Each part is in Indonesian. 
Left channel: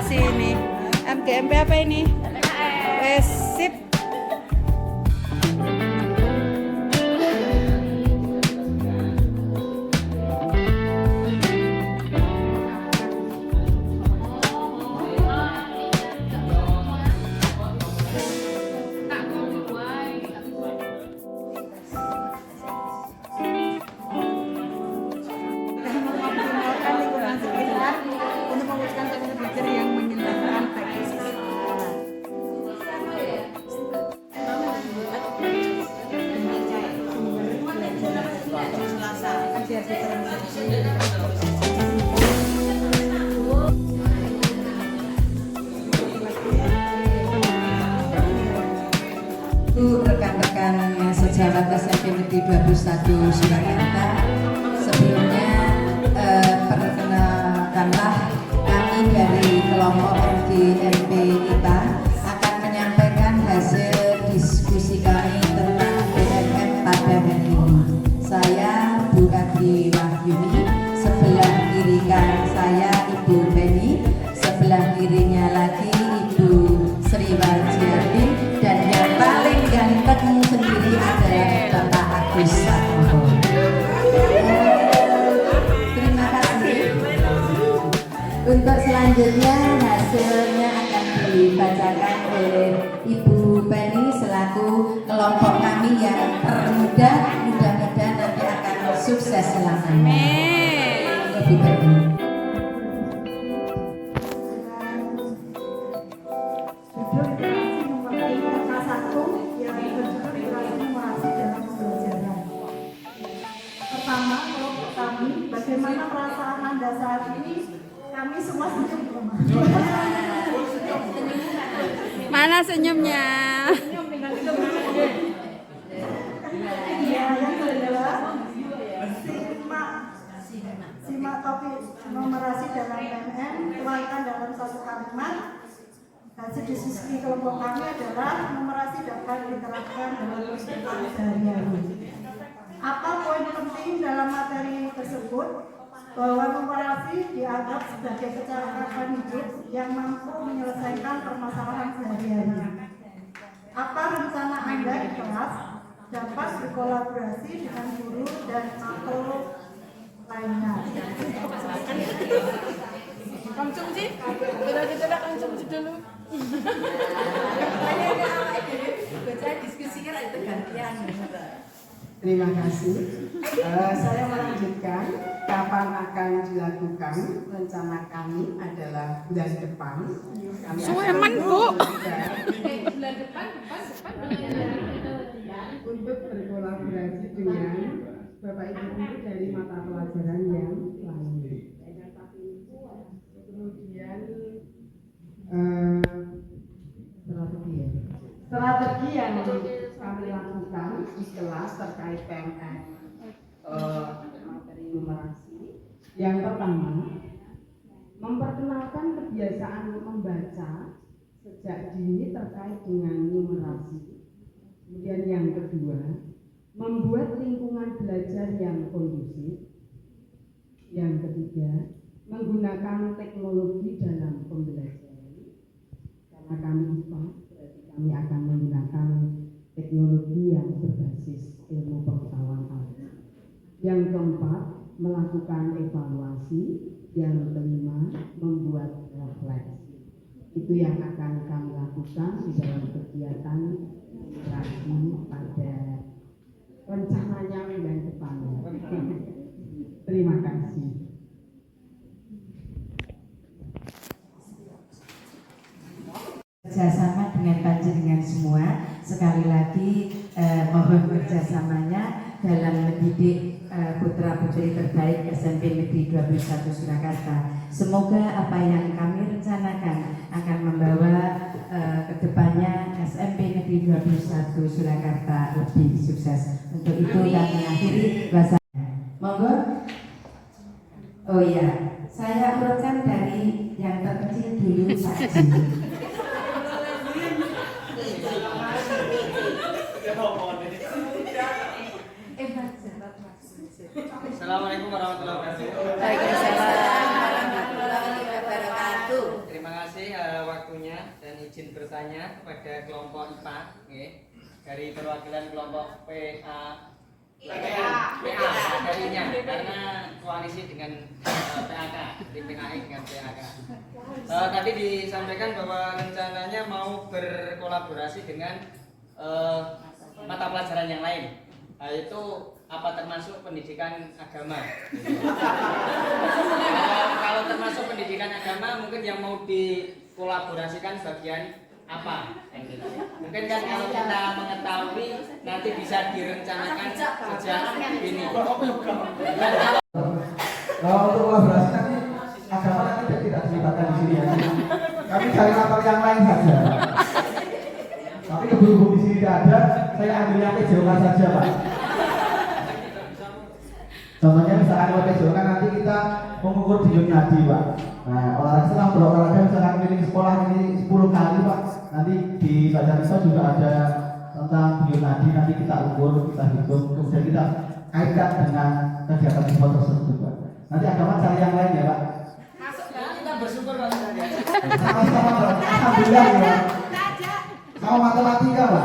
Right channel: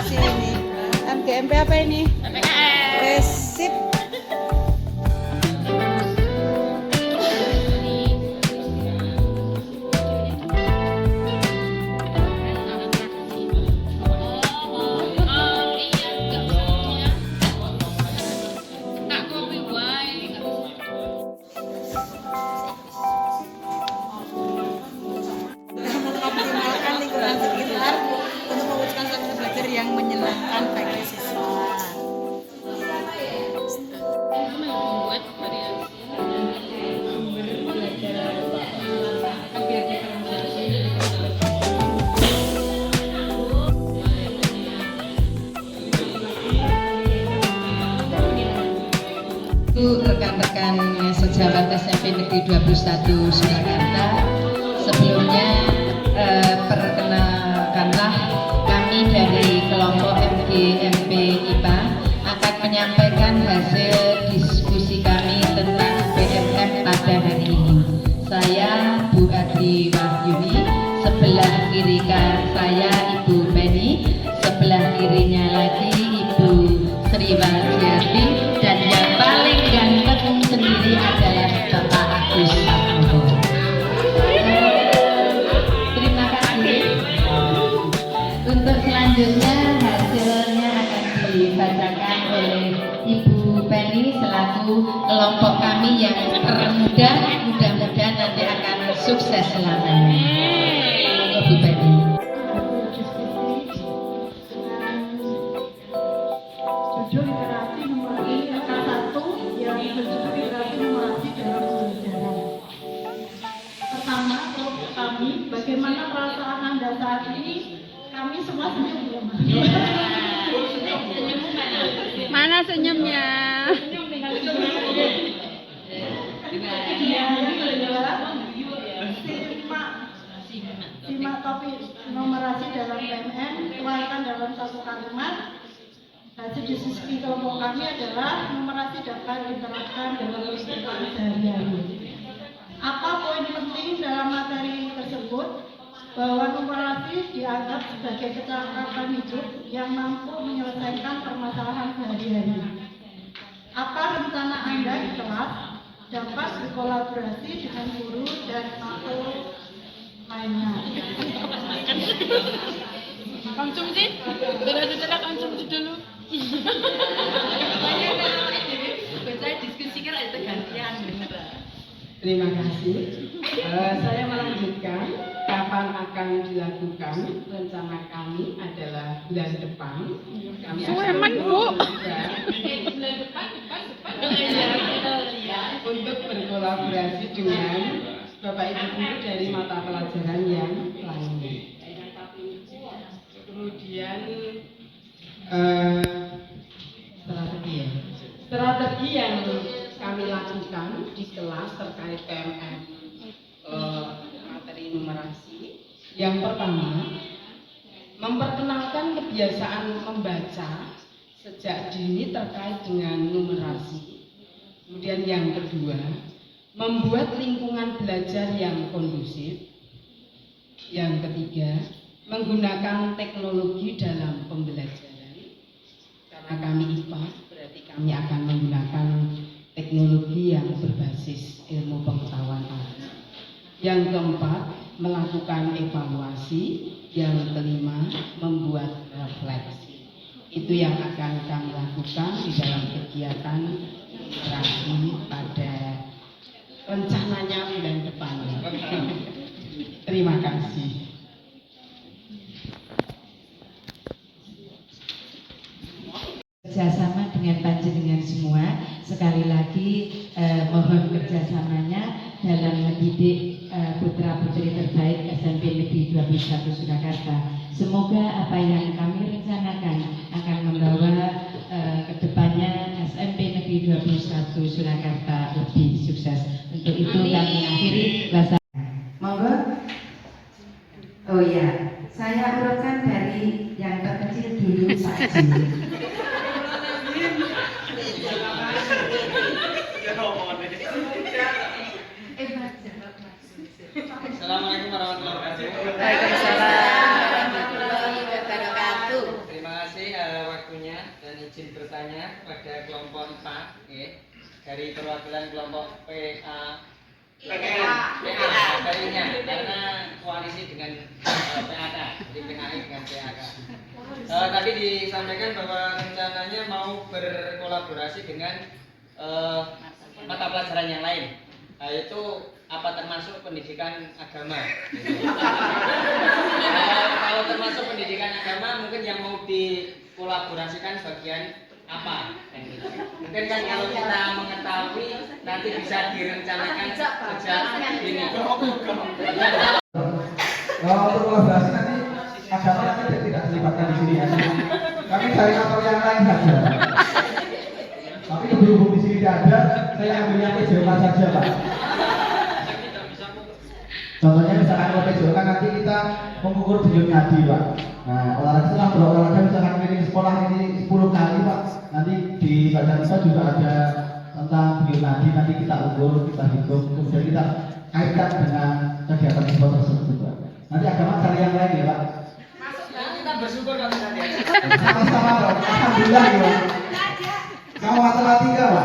kasih ini. MGMP apa ini? Sip. Mengoptimalkan lingkungan sekitar untuk mewujudkan teknologi belajar yang menyenangkan bagi siswa. Sumber belajar biar diferensiasi. Itu rekan-rekan sejawat SMP Negeri 21 Surakarta. Sebelumnya perkenalkanlah kami dari kelompok MGMP IPA akan menyampaikan hasil diskusi kami tentang BMF pada hari ini. Saya Bu Adi Wahyuni, sebelah kiri saya Ibu Penny, sebelah kirinya lagi Ibu Sri Waljiati, dan yang paling ganteng sendiri adalah Bapak Agus Satmoko. Terima kasih. Untuk selanjutnya hasilnya akan dibacakan oleh Ibu Penny selaku kelompok kami yang termuda, mudah-mudahan nanti akan sukses selamanya. Ibu Penny. Judul literasi nomor ini angka 1 yang berjudul literasi numerasi dalam pembelajaran. Pertama, kelompok kami, bagaimana perasaan Anda saat ini? Kami semua senyum belum? Mana senyumnya? Ya, yang kedua, simak topik numerasi dalam PMN, tuangkan dalam satu kalimat. Hasil diskusi kelompok kami adalah numerasi dapat diterapkan dalam kehidupan sehari-hari. Apa poin penting dalam materi tersebut? Bahwa numerasi dianggap sebagai kecakapan hidup yang mampu menyelesaikan permasalahan sehari-hari. Apa rencana Anda di kelas dapat berkolaborasi dengan guru dan atau lainnya? Konsumsi? Sudah konsumsi dulu. Saya diskusikan ada gantian. Terima kasih. Saya melanjutkan kapan akan dilakukan. Rencana kami adalah bulan depan. Kami akan Bulan depan. untuk berkolaborasi dengan Bapak Ibu guru dari mata pelajaran yang lain. Kemudian strategi yang kami lakukan di kelas terkait PMF materi numerasi. Yang pertama, memperkenalkan kebiasaan membaca sejak dini terkait dengan numerasi. Kemudian yang kedua, membuat lingkungan belajar yang kondusif. Yang ketiga, menggunakan teknologi dalam pembelajaran. Karena kami IPA, berarti kami akan menggunakan teknologi yang berbasis ilmu pengetahuan alam. Yang keempat, melakukan evaluasi. Yang kelima, membuat refleksi. Itu yang akan kami lakukan di dalam kegiatan literasi pada rencananya bulan depan. Terima kasih. Kerjasama dengan panjenengan semua, sekali lagi mohon kerjasamanya dalam mendidik putra putri terbaik SMP Negeri 21 Surakarta. Semoga apa yang kami rencanakan akan membawa ke depannya SMP Negeri 21 Surakarta lebih sukses. Untuk itu kami akhiri bahasa. Monggo. Oh iya, saya urutkan dari yang terkecil dulu Pak Haji. Assalamualaikum warahmatullahi wabarakatuh. Waalaikumsalam warahmatullahi wabarakatuh. Terima kasih izin bertanya kepada kelompok IPA, dari perwakilan kelompok PA darinya karena koalisi dengan PAK, jadi PAI dengan PAK. Tadi disampaikan bahwa rencananya mau berkolaborasi dengan mata pelajaran yang lain, yaitu apa termasuk pendidikan agama. Kalau termasuk pendidikan agama, mungkin yang mau dikolaborasikan bagian apa? Mungkin kan kalau kita mengetahui nanti bisa direncanakan sejak ini. Kalau untuk kolaborasi nanti agama nanti tidak dilibatkan di sini ya. Kami cari kantor yang lain saja. Tapi berhubung di sini tidak ada, saya ambilnya PJOK saja Pak. Contohnya misalkan kalau PJOK nanti kita mengukur denyut nadi Pak. Nah, olahraga setelah berolahraga misalkan keliling sekolah ini 10 kali Pak. Nanti di badan kita juga ada tentang denyut nadi, nanti kita ukur, kita hitung, kemudian kita kaitkan dengan kegiatan sport tersebut Pak. Nanti agama cari yang lain ya Pak. Kita bersyukur kalau ada. Sama-sama Pak. Alhamdulillah ya Pak. Sama matematika Pak.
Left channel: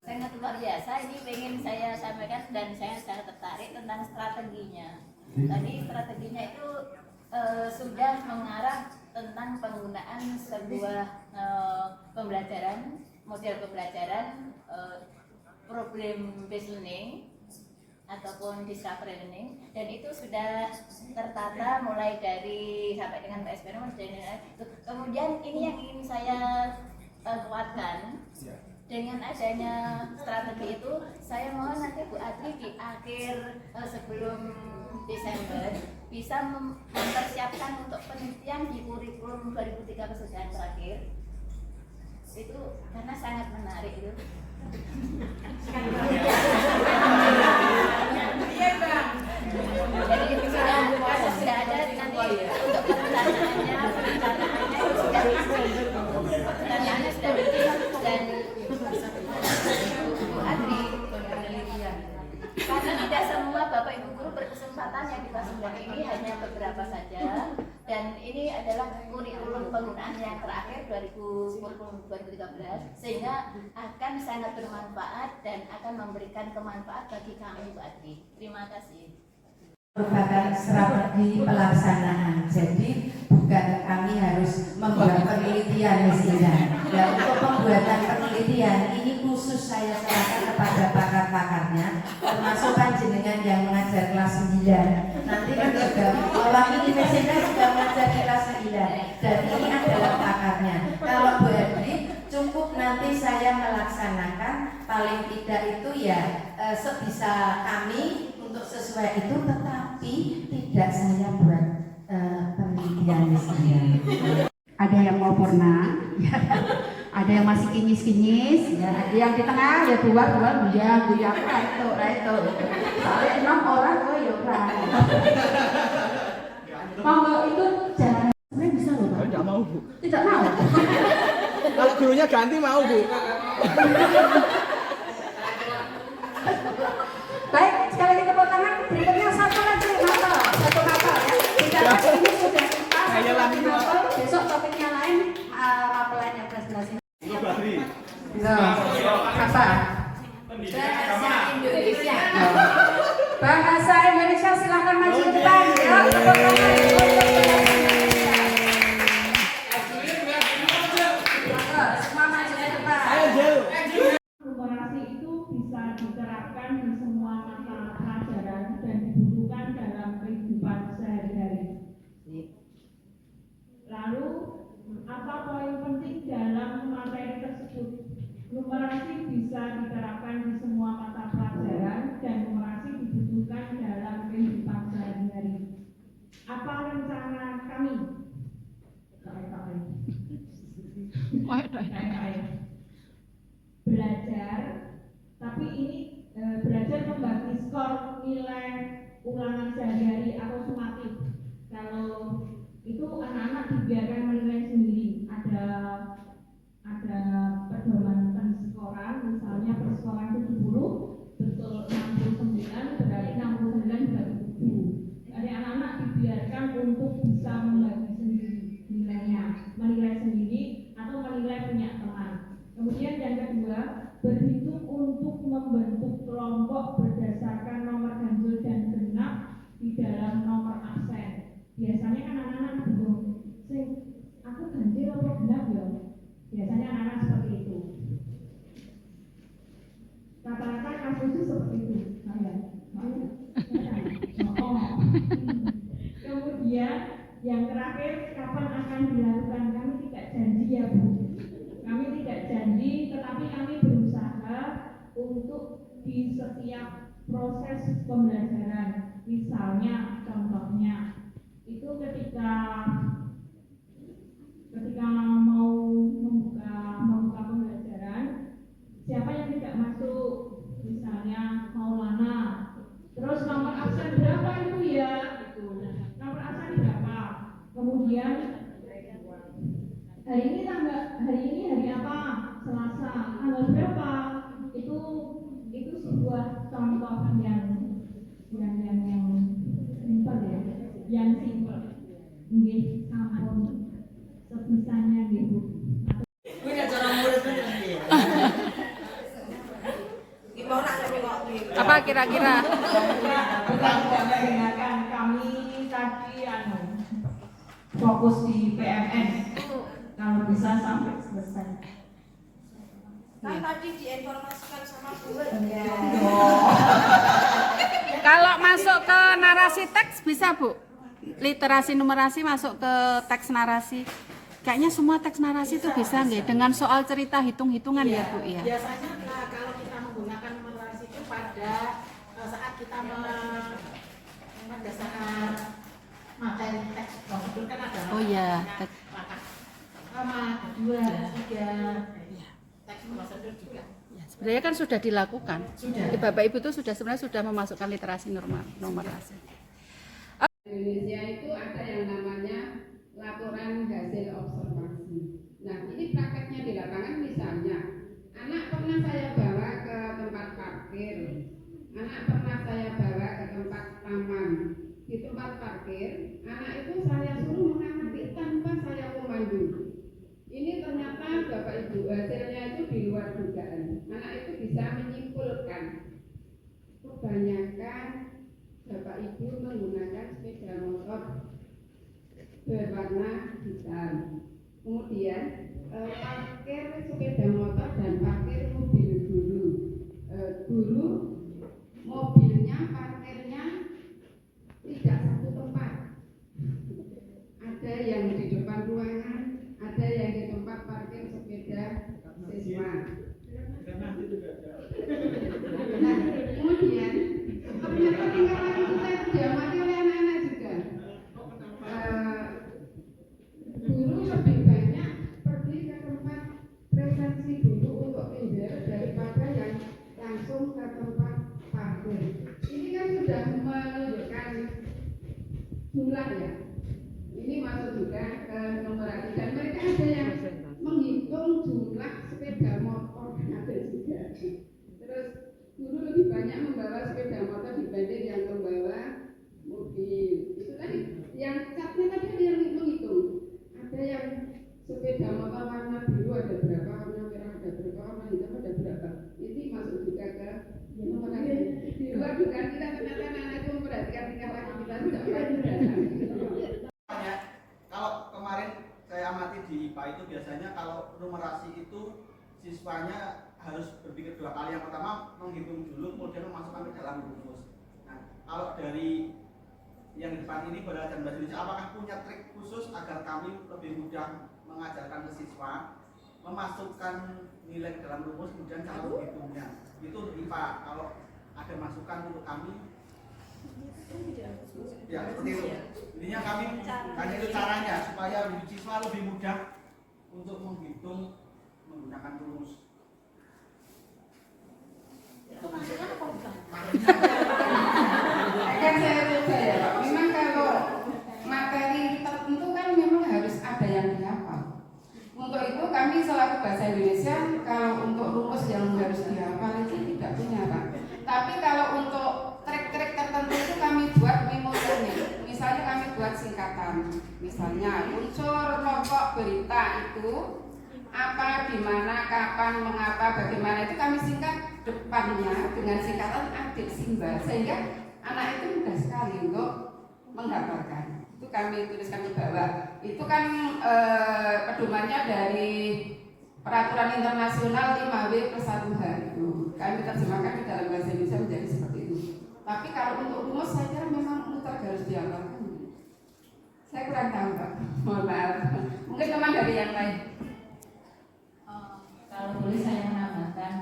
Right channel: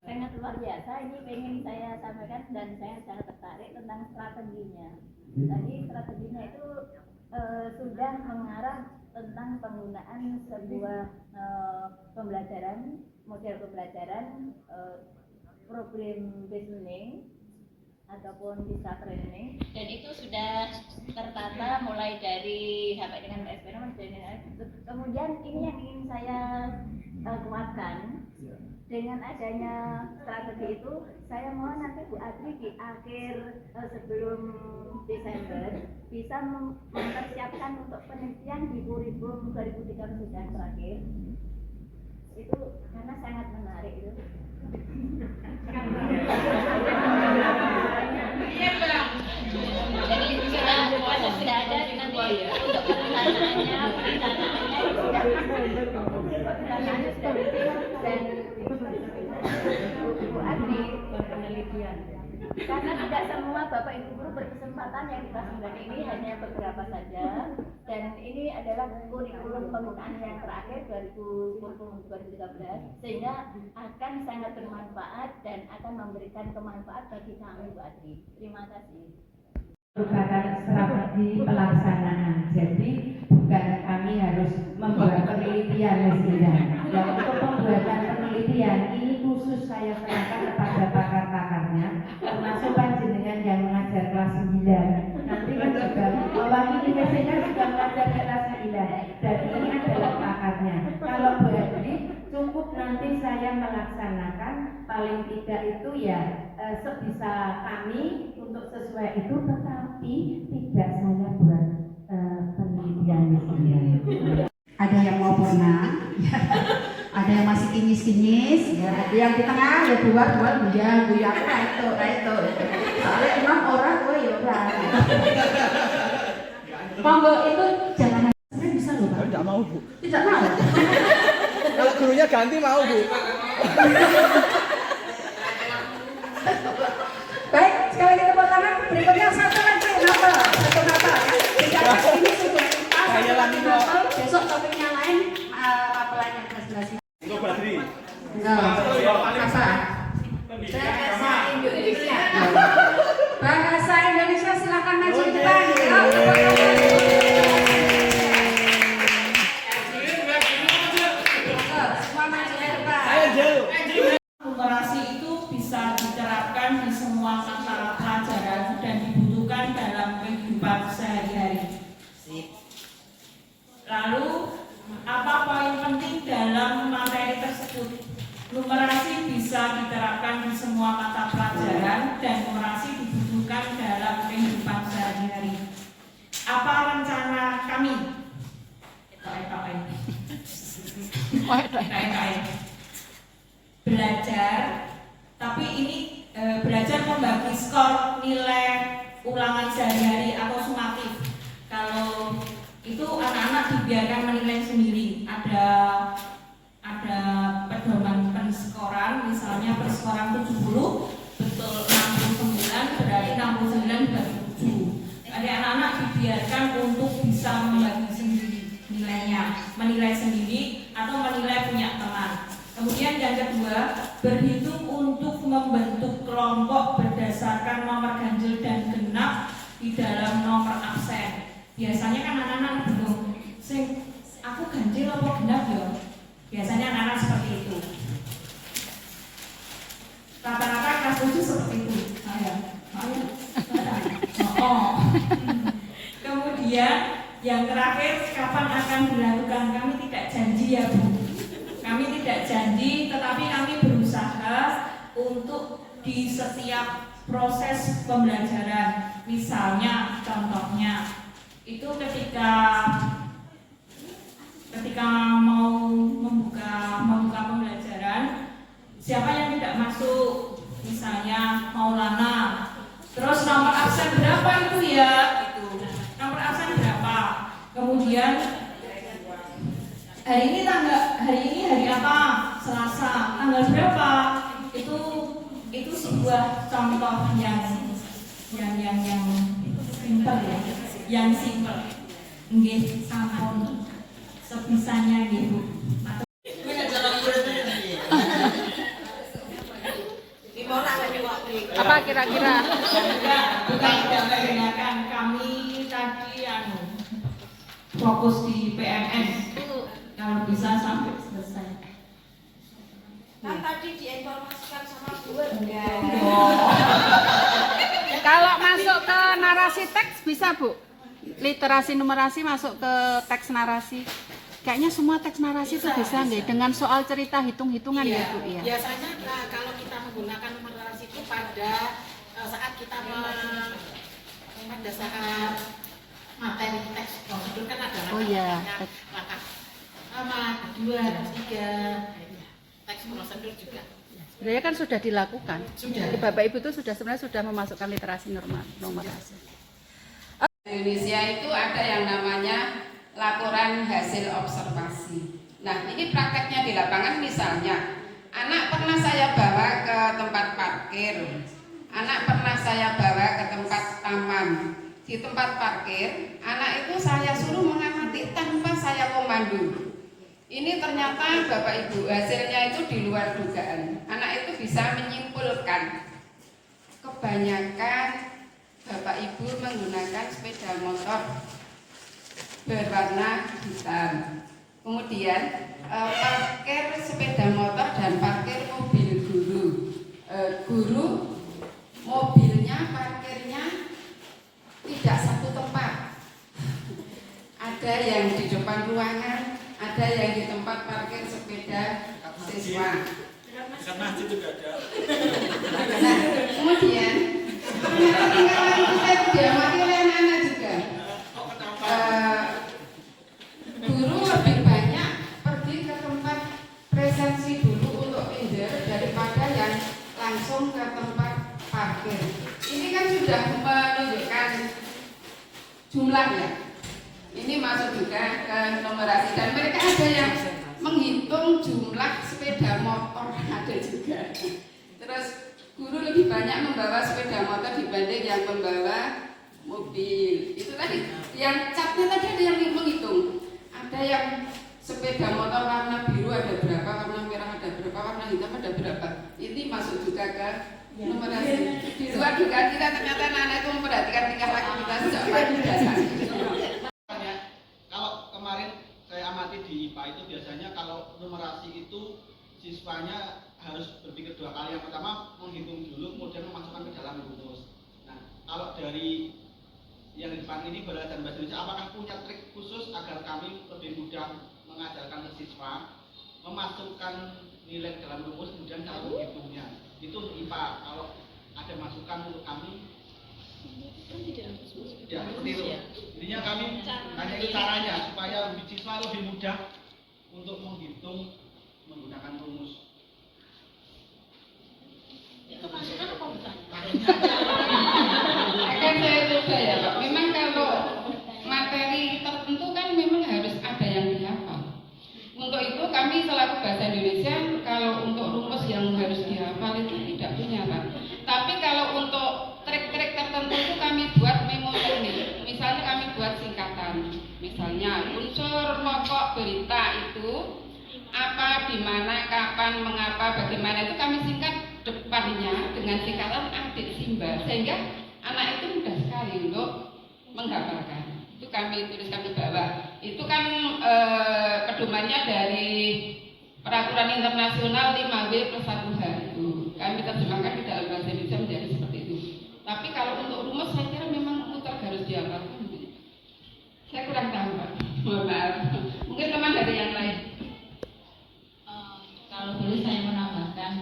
Sangat luar biasa, ini pengen saya sampaikan dan saya sangat tertarik tentang strateginya. Tadi strateginya itu sudah mengarah tentang penggunaan sebuah pembelajaran, model pembelajaran problem based learning ataupun discovery learning, dan itu sudah tertata mulai dari sampai dengan eksperimen dan kemudian ini yang ingin saya kuatkan. Dengan adanya strategi itu, saya mohon nanti Bu Adri di akhir sebelum Desember bisa mempersiapkan untuk penelitian di kurikulum 2013 yang terakhir. Itu karena sangat menarik itu. Iya Bang. Jadi sudah ada nanti untuk perencananya sudah dan penelitian. Karena tidak semua Bapak Ibu guru berkesempatan yang dikasih ini hanya beberapa saja, dan ini adalah kurikulum penggunaan yang terakhir 2013, sehingga akan sangat bermanfaat dan akan memberikan kemanfaat bagi kami Bu Adri. Terima kasih. Merupakan strategi pelaksanaan, jadi bukan kami harus membuat penelitian mestinya. Dan untuk pembuatan penelitian ini khusus saya serahkan kepada pakar-pakarnya, termasuk panjenengan yang mengajar kelas 9. Nanti kan juga mewakili universitas juga mengajar kelas 9, dan ini adalah pakarnya. Kalau Bu Adri cukup nanti saya melaksanakan, paling tidak itu ya sebisa kami untuk sesuai itu, tetapi tidak saya buat penelitian di sini. Ada yang mau pernah, ada yang masih kinyis-kinyis, ya, ada yang di tengah ya buat buya itu. Soalnya emang orang tua ya udah. Monggo itu jangan sebenarnya bisa loh Pak. Tidak mau Bu. Tidak mau. Kalau gurunya ganti mau Bu. Baik, sekali lagi tepuk tangan. Berikutnya satu lagi nafal ya. Bicara ini sudah satu nafal. Besok topiknya lain rapelan yang kelas-kelas ini. Enggak. Apa? Bahasa Indonesia. Bahasa Indonesia silakan maju ke depan. Semua maju ke depan. Numerasi itu bisa diterapkan di semua mata pelajaran dan dibutuhkan dalam kehidupan sehari-hari. Lalu, apa poin penting dalam materi tersebut? Numerasi bisa diterapkan di semua mata pelajaran dan numerasi dibutuhkan dalam kehidupan sehari-hari. Apa rencana kami? Belajar, tapi ini belajar membagi skor nilai ulangan sehari-hari atau sumatif. Kalau itu anak-anak dibiarkan menilai sendiri. Ada pedoman penskoran, misalnya perskoran 70 betul 69, berarti 69 dibagi 7. Jadi anak-anak dibiarkan untuk bisa membagi sendiri nilainya, menilai sendiri atau menilai punya teman. Kemudian yang kedua, berhitung untuk membentuk kelompok berdasarkan nomor ganjil dan genap di dalam nomor absen. Biasanya kan anak-anak bingung, aku ganjil apa genap ya? Biasanya anak-anak seperti itu. Rata-rata kelas 7 seperti itu. Kemudian yang terakhir, kapan akan dilakukan? Kami tidak janji ya Bu. Kami tidak janji, tetapi kami berusaha untuk di setiap proses pembelajaran. Misalnya, contohnya, itu ketika mau membuka pembelajaran, siapa yang tidak masuk, misalnya Maulana, terus nomor absen berapa itu ya, itu nomor absen berapa, kemudian hari ini hari apa, Selasa, tanggal berapa, itu sebuah contoh yang simpel ya, yang simpel. Nggih, sampun sebisanya nggih Bu. Apa kira-kira? Bukan tidak mendengarkan, kami tadi fokus di PMN. Kalau bisa sampai selesai. Kan tadi diinformasikan sama Bu. Kalau masuk ke narasi teks bisa Bu? Literasi numerasi masuk ke teks narasi. Kayaknya semua teks narasi itu bisa nggak? Dengan soal cerita hitung-hitungan ya Bu ya. Biasanya kalau kita menggunakan numerasi itu pada saat kita pada saat materi teks prosedur kan ada langkah pertama, kedua, ketiga, teks prosedur juga. Sebenarnya kan sudah dilakukan. Jadi Bapak Ibu itu sebenarnya sudah memasukkan literasi numerasi. Indonesia itu ada yang namanya laporan hasil observasi. Nah, ini prakteknya di lapangan. Misalnya, anak pernah saya bawa ke tempat parkir, anak pernah saya bawa ke tempat taman. Di tempat parkir, anak itu saya suruh mengamati tanpa saya komando. Ini ternyata Bapak Ibu, hasilnya itu di luar dugaan. Anak itu bisa menyimpulkan kebanyakan Bapak Ibu menggunakan sepeda motor berwarna hitam. Kemudian parkir sepeda motor dan parkir mobil guru. Guru mobilnya, parkirnya tidak satu tempat. Ada yang di depan ruangan, ada yang di tempat parkir sepeda siswa. Nah, kemudian ketinggalan kita diamati oleh anak-anak juga. Guru lebih banyak pergi ke tempat presensi dulu untuk minder daripada yang langsung ke tempat parkir. Ini kan sudah menunjukkan jumlahnya. Ini masuk juga ke numerasi dan mereka ada yang menghitung jumlah sepeda motor, ada juga. Terus guru lebih banyak membawa sepeda motor dibanding yang membawa mobil. Itu tadi yang catnya tadi ada yang menghitung. Ada yang sepeda motor warna biru ada berapa, warna merah ada berapa, warna hitam ada berapa. Ini masuk juga ke numerasi. Di luar juga kita ternyata anak itu memperhatikan tingkah laku kita sejak pagi dasar. Kalau kemarin saya amati di IPA itu biasanya kalau numerasi itu siswanya harus berpikir dua kali. Yang pertama menghitung dulu, kemudian memasukkan ke dalam rumus. Nah, kalau dari yang di depan ini Balai dan Bahasa Indonesia, apakah punya trik khusus agar kami lebih mudah mengajarkan ke siswa memasukkan nilai ke dalam rumus, kemudian cara menghitungnya? Itu untuk IPA. Kalau ada masukan untuk kami, ya seperti itu. Intinya kami hanya itu caranya supaya siswa lebih mudah untuk menghitung menggunakan rumus. Itu masukan apa bukan? Akan saya coba ya Pak. Memang kalau materi tertentu kan memang harus ada yang dihafal. Untuk itu kami selaku Bahasa Indonesia kalau untuk rumus yang harus dihafal itu tidak punya Pak. Tapi kalau untuk trik-trik tertentu itu kami buat memo teknik. Misalnya kami buat singkatan. Misalnya unsur pokok berita itu apa, di mana, kapan, mengapa, bagaimana itu kami singkat depannya dengan singkatan adik simba, sehingga anak itu mudah sekali untuk menghafalkan. Itu kami tuliskan ke bawah. Itu kan pedomannya dari Peraturan Internasional 5W+1H itu. Kami terjemahkan di dalam bahasa Indonesia menjadi seperti itu. Tapi kalau untuk rumus saya kira memang mutlak harus dihafalkan. Saya kurang tahu Pak, mohon maaf. Mungkin teman dari yang lain. Kalau boleh saya menambahkan,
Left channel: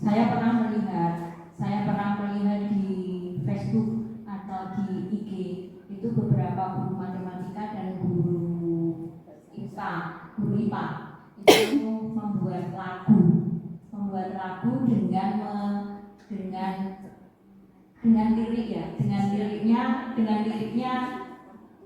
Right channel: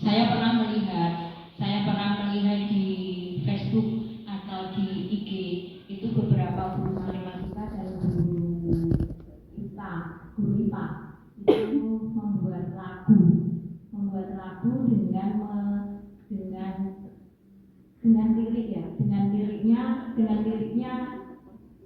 saya pernah melihat di Facebook atau di IG itu beberapa guru matematika dan guru IPA itu membuat lagu dengan liriknya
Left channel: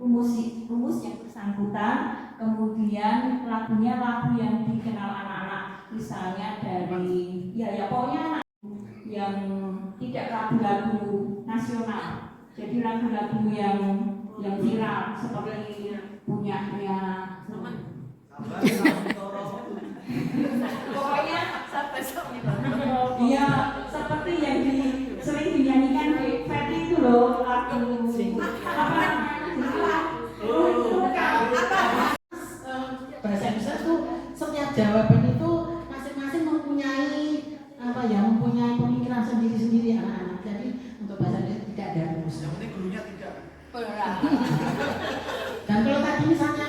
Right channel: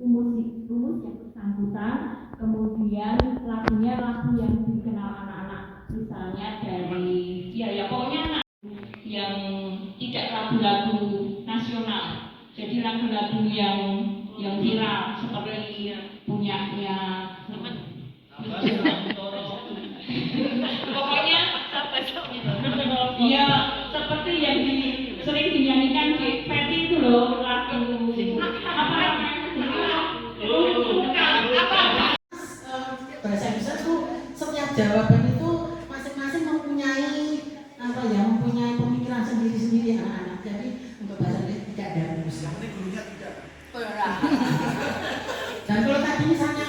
rumus yang bersangkutan, kemudian lagunya lagu yang dikenal anak-anak, misalnya dari pokoknya yang tidak lagu-lagu nasional, jadi lagu-lagu yang viral seperti punyanya pokoknya iya, seperti yang sering dinyanyikan di Fetty itu loh, lagu bahasa Indonesia tuh setiap jawaban itu masing-masing mempunyai pemikiran sendiri-sendiri anak-anak. Jadi untuk bahasa Indonesia tidak ada rumus. Dan kalau tadi misalnya